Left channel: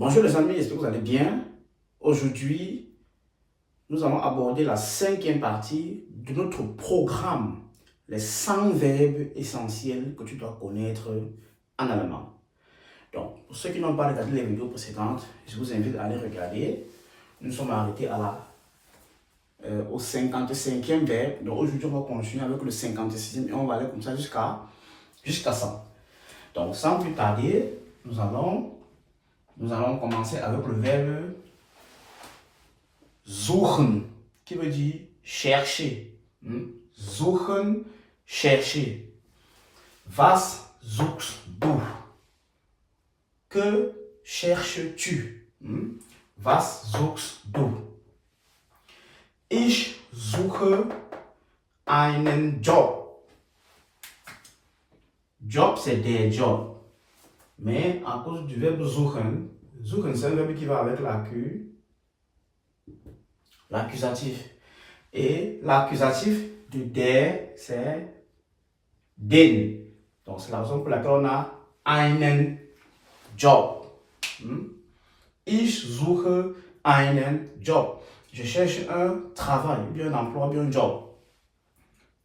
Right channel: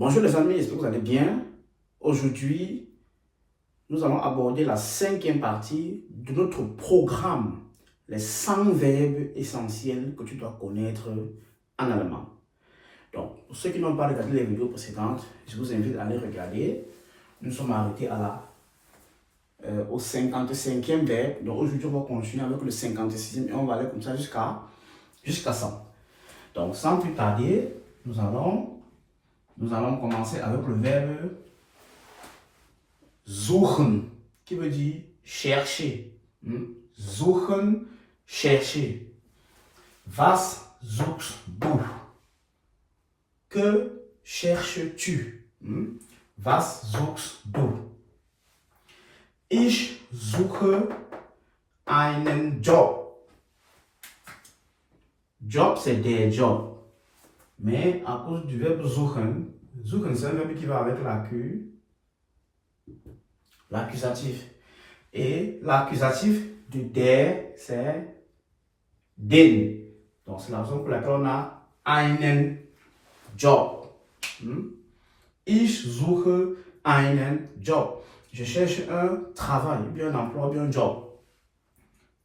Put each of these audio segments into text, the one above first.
Bonjour les amis, j'espère que vous allez bien. Aujourd'hui, nous allons aborder la cinquième partie de notre programme, les 100 verbes essentiels que tu dois connaître en allemand. Donc, pour ceux qui n'ont pas regardé les vidéos précédentes, je vous invite à les regarder. Nous sommes arrêtés au 55e verbe. Donc aujourd'hui, on va continuer avec le 56e et on va aller comme ça jusqu'à 100. Donc, sans plus tarder, nous allons commencer avec le verbe suchen, qui veut dire chercher. Suchen, chercher. Was suchst du? Que cherches-tu? Was suchst du? Ich suche einen Job. Job, c'est des jobs. Mais à cause du verbe suchen, suchen c'est un verbe qui va avec l'accusatif. Et l'accusatif du der, c'est den. Donc c'est la raison pour laquelle on a einen Job. Ich suche einen Job. Je cherche un travail, bien un emploi, bien un job.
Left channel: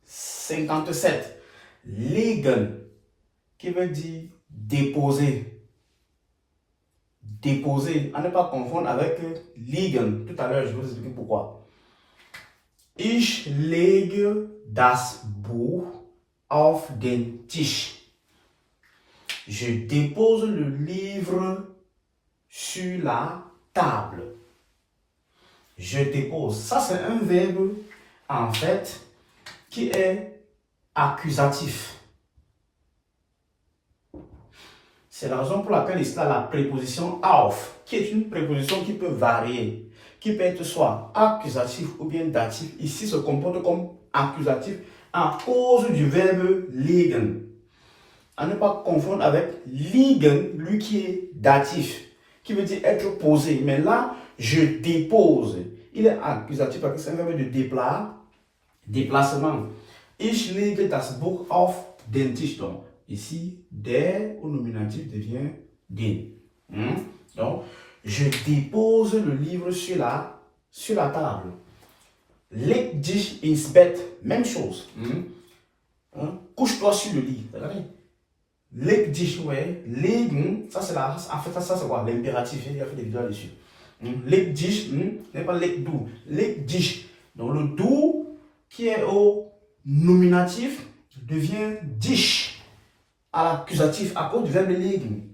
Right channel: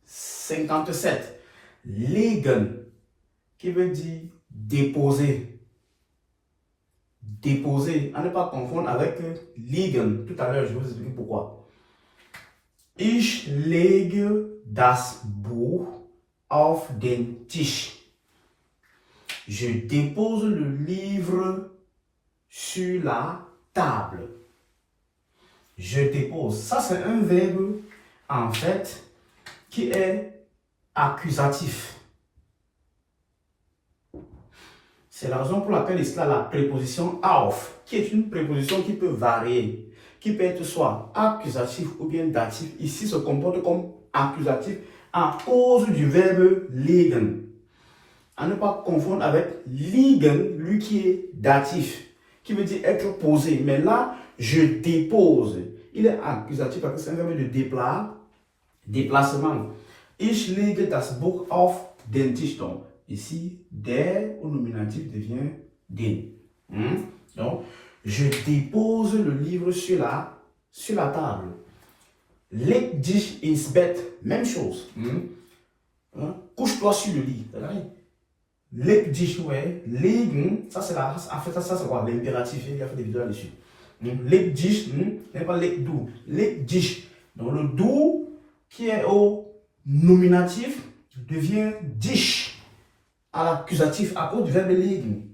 57. Legen, qui veut dire déposer. Déposer, à ne pas confondre avec liegen. Tout à l'heure, je vais vous expliquer pourquoi. Ich lege das Buch auf den Tisch. Je dépose le livre sur la table. Je dépose. Ça, c'est un verbe, en fait, qui est accusatif. C'est la raison pour laquelle il y a la préposition auf, qui est une préposition qui peut varier, qui peut être soit accusatif ou bien datif. Ici, se comporte comme accusatif à cause du verbe liegen. À ne pas confondre avec liegen, lui qui est datif, qui veut dire être posé. Mais là, je dépose. Il est accusatif parce que c'est un verbe de déplacement. Ich lege das Buch auf den Tisch. Donc, ici, der au nominatif devient den. Donc, je dépose le livre sur la table. Leg dich ins Bett, même chose. Couche-toi sur le lit. Leg dich, ouais. Legen, ça c'est ça c'est quoi? L'impératif, il a fait des vidéos dessus. Leg dich, n'est pas leg du. Leg dich. Donc le du qui est au nominatif devient dich à l'accusatif à cause du verbe legen.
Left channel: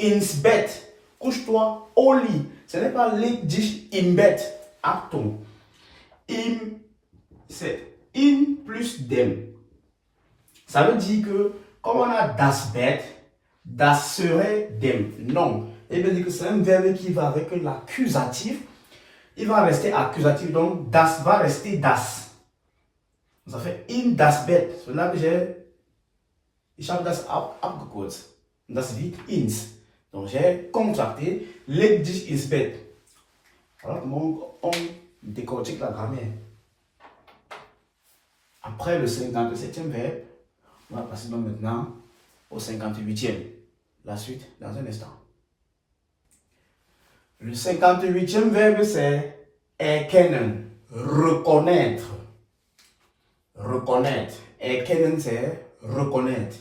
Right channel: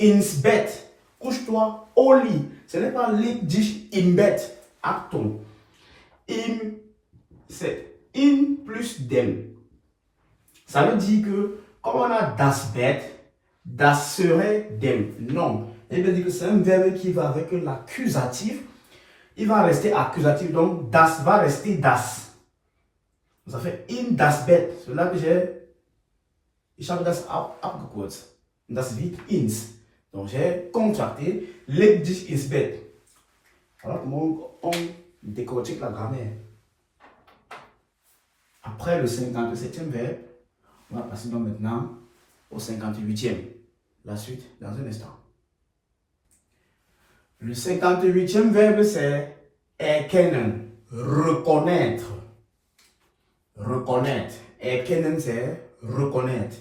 Ins Bett, couche-toi au lit. Ce n'est pas leg dich im Bett. Achtung. Im, c'est in plus dem. Ça veut dire que comme on a das Bett, das serait dem. Non. Il veut dire que c'est un verbe qui va avec l'accusatif. Il va rester accusatif. Donc, das va rester das. Ça fait in das Bett. C'est là que ich habe das abgekürzt. Das wird ins. Donc, j'ai contracté. Leg dich ins Bett. Alors, comment on décortique la grammaire? Après le 57e verbe, on va passer donc maintenant au 58e. La suite dans un instant. Le 58e verbe, c'est erkennen, reconnaître. Reconnaître. Erkennen, c'est reconnaître.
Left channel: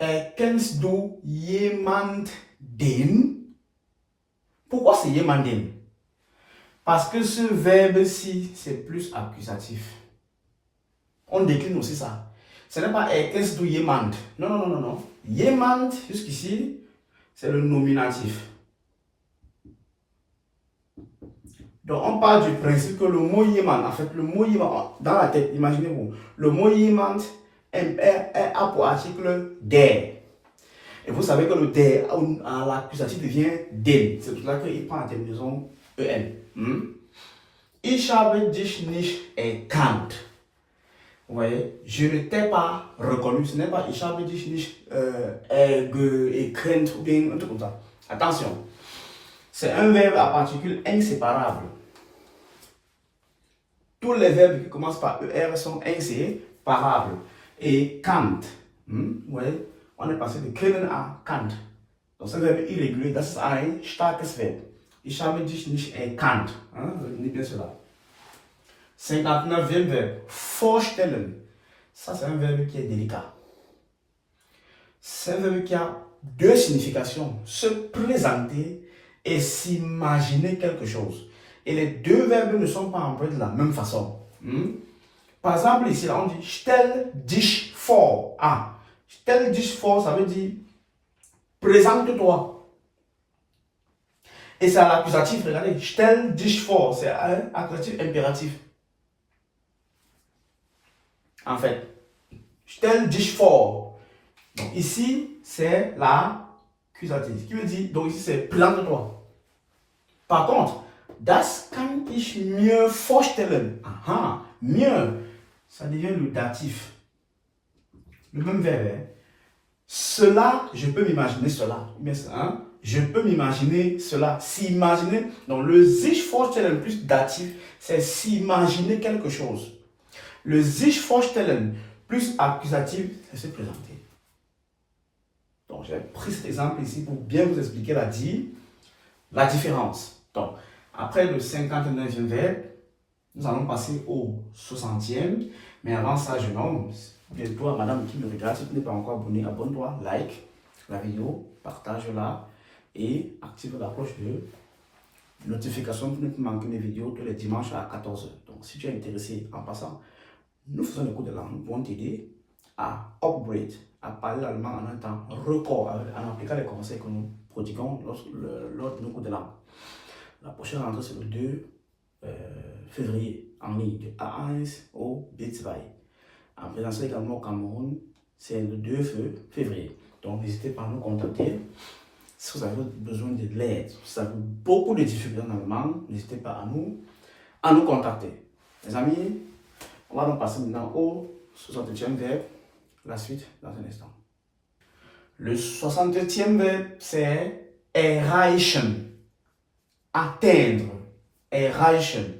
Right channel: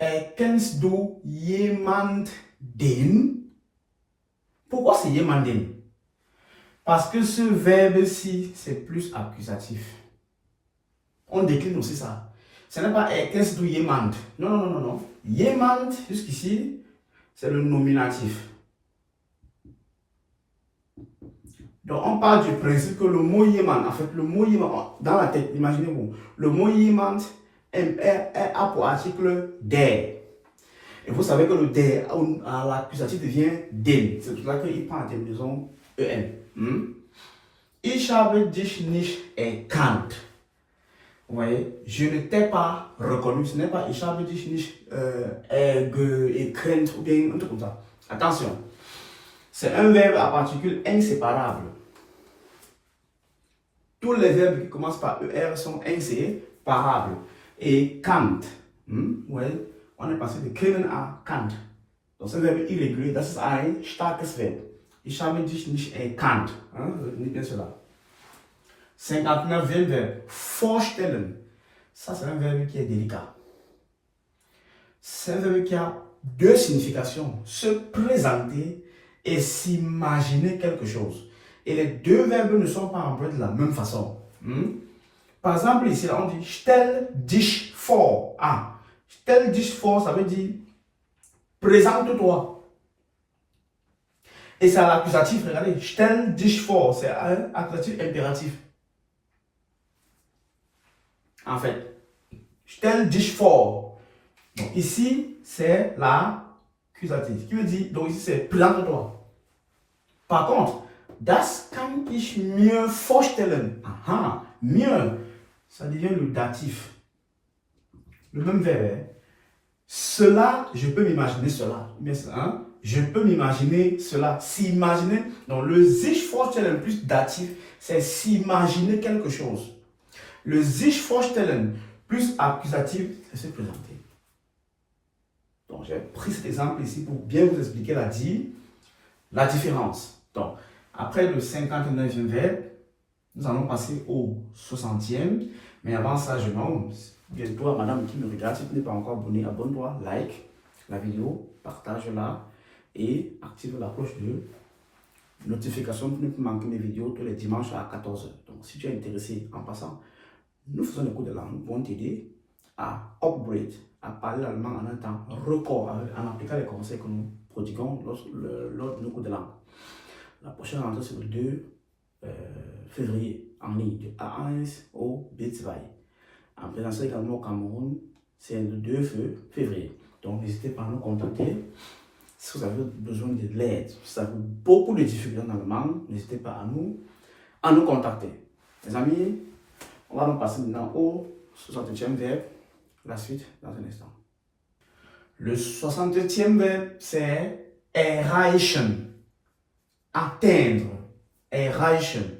Erkennst du jemanden? Pourquoi c'est jemanden? Parce que ce verbe-ci, c'est plus accusatif. On décline aussi ça. Ce n'est pas erkennst du jemand. Non. Jemand, jusqu'ici, c'est le nominatif. Donc, on parle du principe que le mot jemand, en fait, le mot jemand, dans la tête, imaginez-vous, le mot jemand a pour article der. Et vous savez que le der à l'accusatif devient den. C'est pour cela qu'il prend la terminaison en. Ich habe dich nicht erkannt. Vous voyez, je ne t'ai pas reconnu. Ce n'est pas ich habe dich nicht erkannt ou bien un truc comme ça. Attention, c'est un verbe à particules inséparables. Tous les verbes qui commencent par ER sont inséparables. Et Kant, vous voyez, on est passé de kennen à Kant. Donc, c'est un verbe irrégulier. Das ist ein starkes Verb. Ich habe dich nicht erkannt. Retenez bien cela. 59e verbe. Vorstellen. Ça, c'est un verbe qui est délicat. C'est un verbe qui a deux significations. Se présenter et s'imaginer quelque chose. Et les deux verbes ne sont pas employés de la même façon. Par exemple, ici, là, on dit stell dich vor. Stell dich vor, ça veut dire présente-toi. Et c'est à l'accusatif, regardez. Stell dich vor, c'est un accusatif impératif. En fait, stell dich vor. Donc ici, c'est l'accusatif. Qui veut dire, donc ici, c'est présente-toi. Par contre, das kann ich mir vorstellen. Mieux, ça devient le datif. Le même verbe. Cela, je peux m'imaginer cela. Je peux m'imaginer cela. S'imaginer. Donc le sich vorstellen plus datif, c'est s'imaginer quelque chose. Le sich vorstellen plus accusatif, c'est se présenter. Donc j'ai pris cet exemple ici pour bien vous expliquer la différence. Donc après le 59e verbe, nous allons passer au 60e. Mais avant ça, je nomme bientôt à madame qui me regarde. Si tu n'es pas encore abonné, abonne-toi, like la vidéo, partage-la et active la cloche de notification pour ne plus manquer mes vidéos tous les dimanches à 14h. Donc si tu es intéressé en passant, nous faisons le cours de langue. Nous pouvons t'aider à upgrade, à parler l'allemand en un temps record, en appliquant les conseils que nous prodiguons lors de nos cours de langue. La prochaine rentrée, c'est le 2 février en ligne, de A1 au B2. En présentiel également au Cameroun, c'est le 2 février. Donc n'hésitez pas à nous contacter. Si vous avez besoin de l'aide, si vous avez beaucoup de difficultés en allemand, n'hésitez pas à nous contacter. Les amis, on va donc passer maintenant au 60e verbe. La suite dans un instant. Le 60e verbe, c'est erreichen. Atteindre. Erreichen.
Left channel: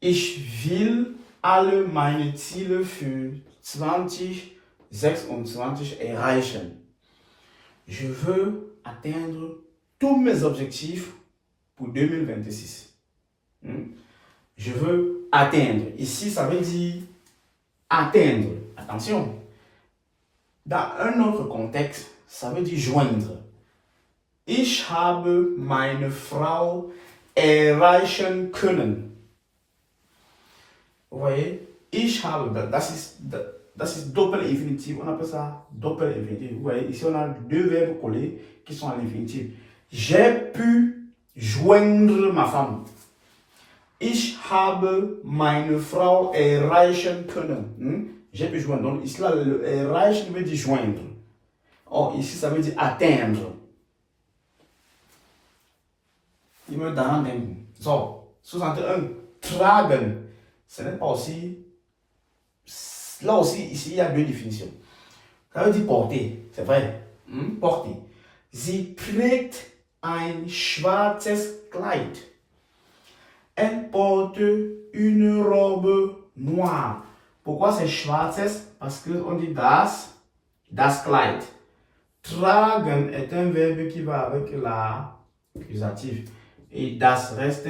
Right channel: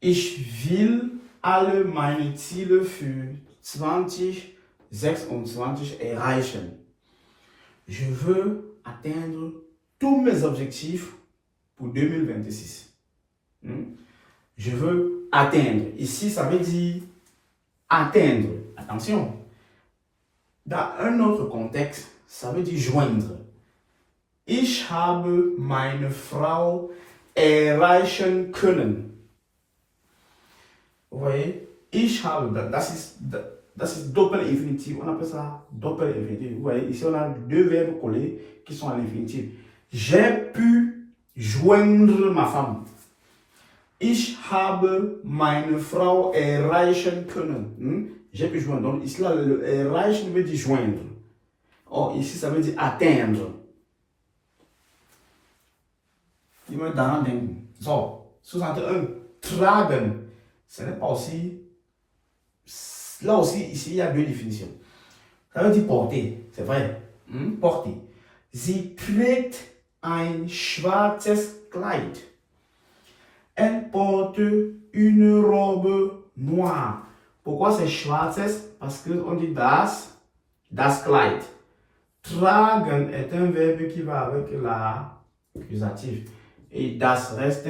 Ich will alle meine Ziele für 2026 erreichen. Je veux atteindre tous mes objectifs pour 2026. Je veux atteindre. Ici, ça veut dire atteindre. Attention. Dans un autre contexte, ça veut dire joindre. Ich habe meine Frau erreichen können. Vous voyez, ich habe, das ist Doppel-Infinitiv, on appelle ça Doppel-Infinitiv. Vous voyez, ici on a deux verbes collés qui sont à l'infinitif. J'ai pu joindre ma femme. Ich habe meine Frau erreichen können. J'ai pu joindre. Donc ici, là, le erreichen veut dire joindre. Or, ici, ça veut dire atteindre. Il me donne même. So, 61, tragen. Ce n'est pas aussi. Là aussi, ici, il y a deux définitions. Ça veut dire porter. C'est vrai. Porter. Sie trägt ein schwarzes Kleid. Elle porte une robe noire. Pourquoi c'est schwarzes? Parce qu'on dit das Kleid. Tragen est un verbe qui va avec l'accusatif. Et das reste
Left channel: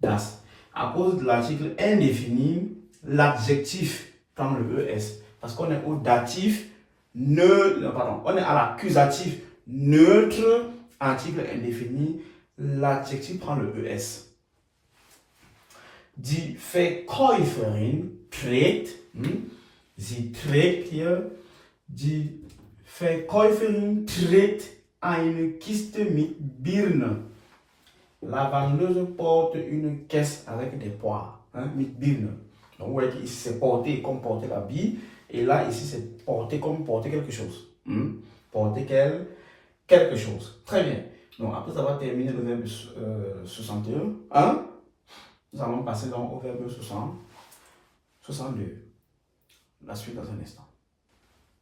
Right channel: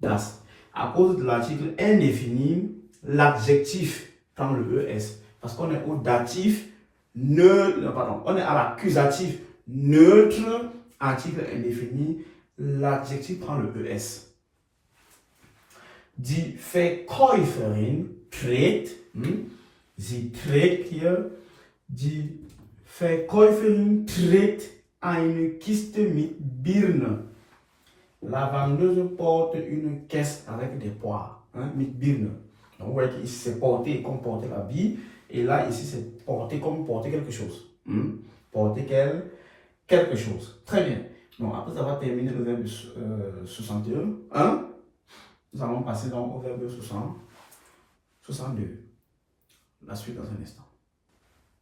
das. À cause de l'article indéfini, l'adjectif prend le ES. Parce qu'on est au datif neutre, on est à l'accusatif neutre, article indéfini, l'adjectif prend le ES. Die Verkäuferin trägt, sie trägt hier, die Verkäuferin trägt eine Kiste mit Birnen. La vendeuse porte une caisse avec des poires, mit Birnen. Donc vous voyez qu'ici c'est porter comme porter la bille, et là ici c'est porter comme porter quelque chose. Porter quelque chose. Très bien. Donc après avoir terminé le verbe 61, nous allons passer donc au verbe 62. La suite dans un instant.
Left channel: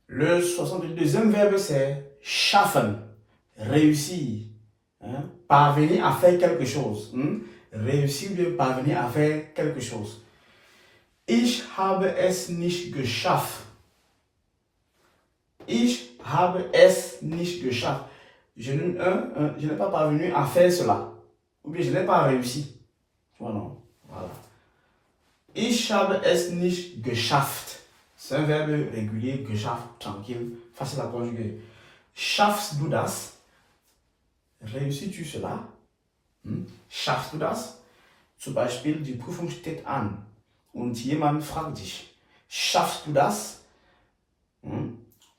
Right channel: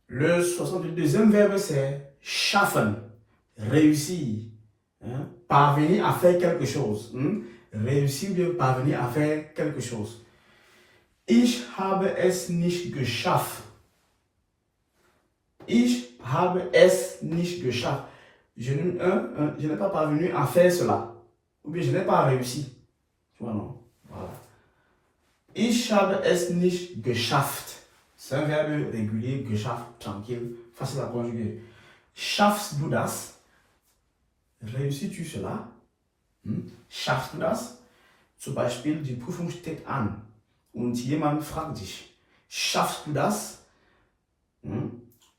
Le 62e verbe c'est schaffen, réussir, parvenir à faire quelque chose. Réussir ou bien parvenir à faire quelque chose. Ich habe es nicht geschafft. Ich habe es nicht geschafft. je n'ai pas parvenu à faire cela. Ou bien je n'ai pas réussi. Tu vois, non? Voilà. Ich habe es nicht geschafft. C'est un verbe régulier, geschafft, tranquille, facile à conjuguer. Schaffst du das? Réussis-tu cela? Schaffst du das? Zum Beispiel, die Prüfung steht an und jemand fragt dich, schaffst du das?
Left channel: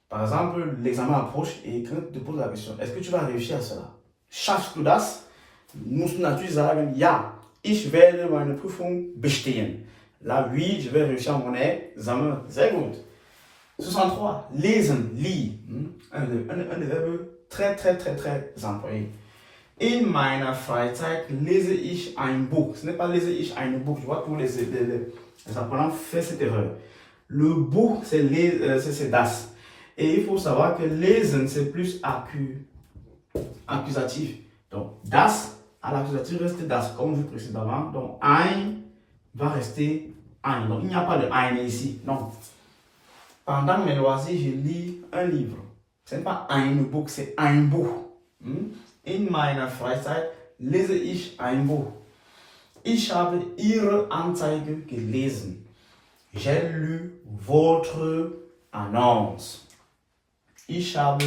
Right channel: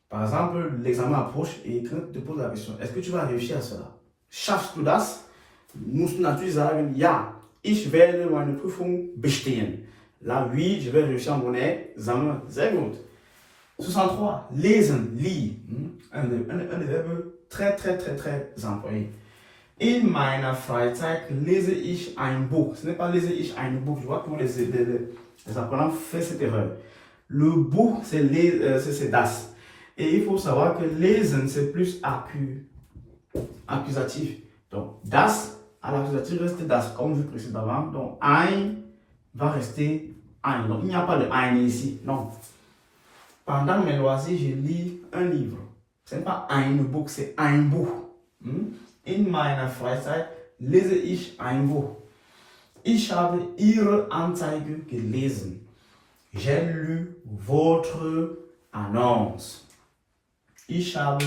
Par exemple, l'examen approche et quelqu'un te pose la question, est-ce que tu vas réussir à cela? Schaffst du das? Musst du natürlich sagen, ja, ich werde meine Prüfung bestehen. Là, oui, je vais réussir mon examen. Sehr gut. 63. Lesen, lis. Un des verbes très employés. In meiner Freizeit lese ich ein Buch. Ce n'est pas lese ich ein Buch. Je vois que les apprenants font cette erreur. Le Buch, c'est das. Et il faut savoir que lesen, c'est plus accusatif. Donc, das, à l'accusatif, reste das, comme vu précédemment. Donc, ein va rester ein. Donc, il n'y a pas de ein ici. Non. Pendant mes loisirs, je lis un livre. Ce n'est pas ein Buch, c'est ein Buch. In meiner Freizeit lese ich ein Buch. Ich habe Ihre Anzeige gelesen. J'ai lu votre annonce. Ich habe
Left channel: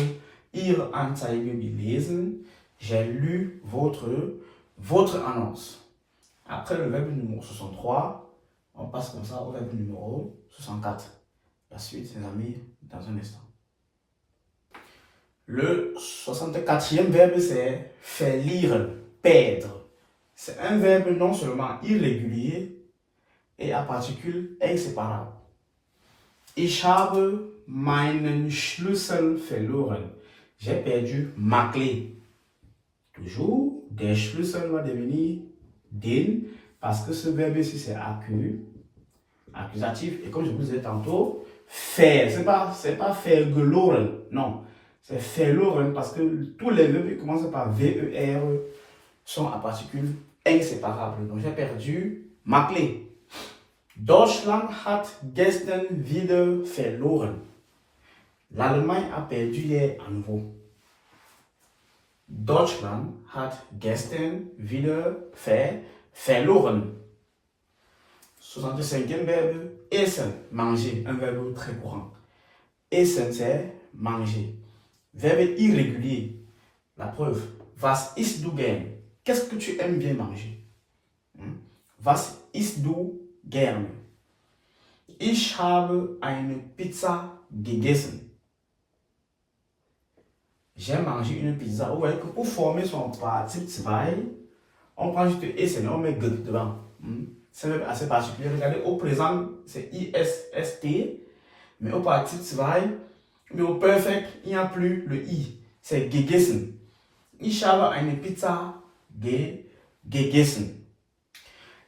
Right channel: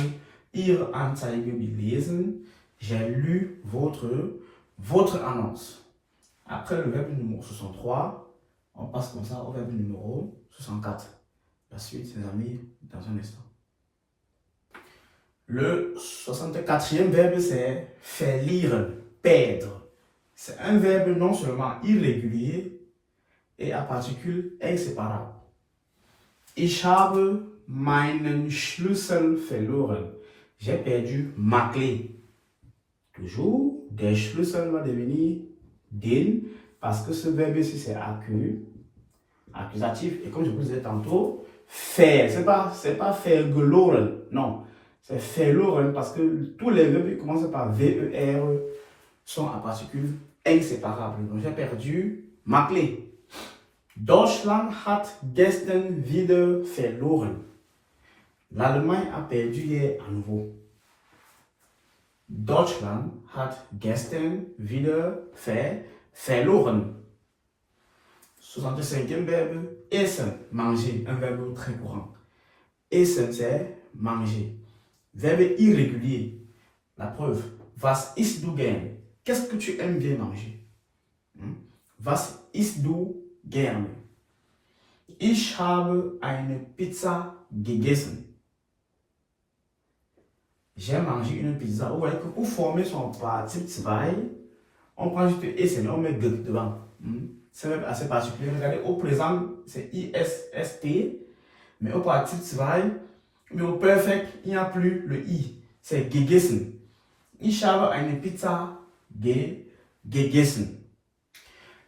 Ihre Anzeige gelesen. J'ai lu votre annonce. Après le verbe numéro 63, on passe comme ça au verbe numéro 64. La suite, mes amis, dans un instant. Le 64e verbe, c'est verlieren, perdre. C'est un verbe non seulement irrégulier et à particule inséparable. Ich habe meinen Schlüssel verloren. J'ai perdu ma clé. Toujours, der Schlüssel va devenir den parce que ce verbe ici c'est accusatif. Et comme je vous disais tantôt, faire, c'est pas verloren, non. C'est verloren parce que tous les verbes qui commencent par VER sont à particules inséparables. Donc j'ai perdu ma clé. Deutschland hat gestern wieder verloren. L'Allemagne a perdu hier à nouveau. Deutschland hat gestern wieder verloren. 65e verbe, essen, manger, un verbe très courant. Essen, c'est manger. Verbe irrégulier. La preuve, was isst du gern? Qu'est-ce que tu aimes bien manger? Was isst du gern? Ich habe eine Pizza gegessen. J'ai mangé une pizza. Vous voyez que pour former son participe 2, on prend juste essen, on met g devant. C'est assez particulier. Regardez, au présent, c'est ISST, mais au participe 2, mais au perfect, il n'y a plus le I. C'est gegessen. Ich habe eine Pizza gegessen.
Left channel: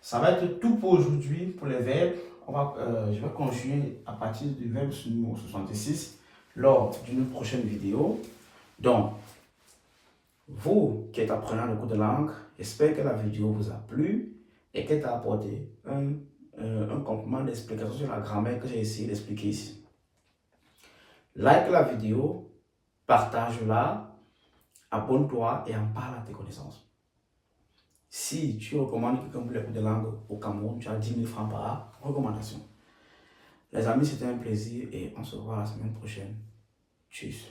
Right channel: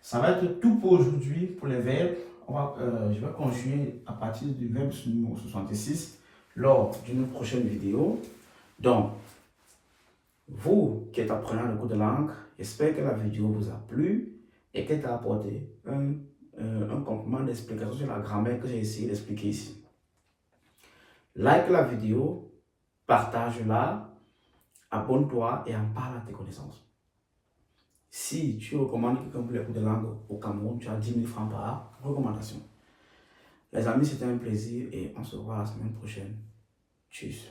Ça va être tout pour aujourd'hui, pour les verbes. Je vais continuer à partir du verbe numéro 66 lors d'une prochaine vidéo. Donc, vous qui êtes apprenant le cours de langue, j'espère que la vidéo vous a plu et qu'elle t'a apporté un complément d'explication sur la grammaire que j'ai essayé d'expliquer ici. Like la vidéo, partage-la, abonne-toi et en parle à tes connaissances. Si tu recommandes quelqu'un pour les cours de langue au Cameroun, tu as 10 000 francs par recommandation. Les amis, c'était un plaisir et on se voit la semaine prochaine. Tchuss.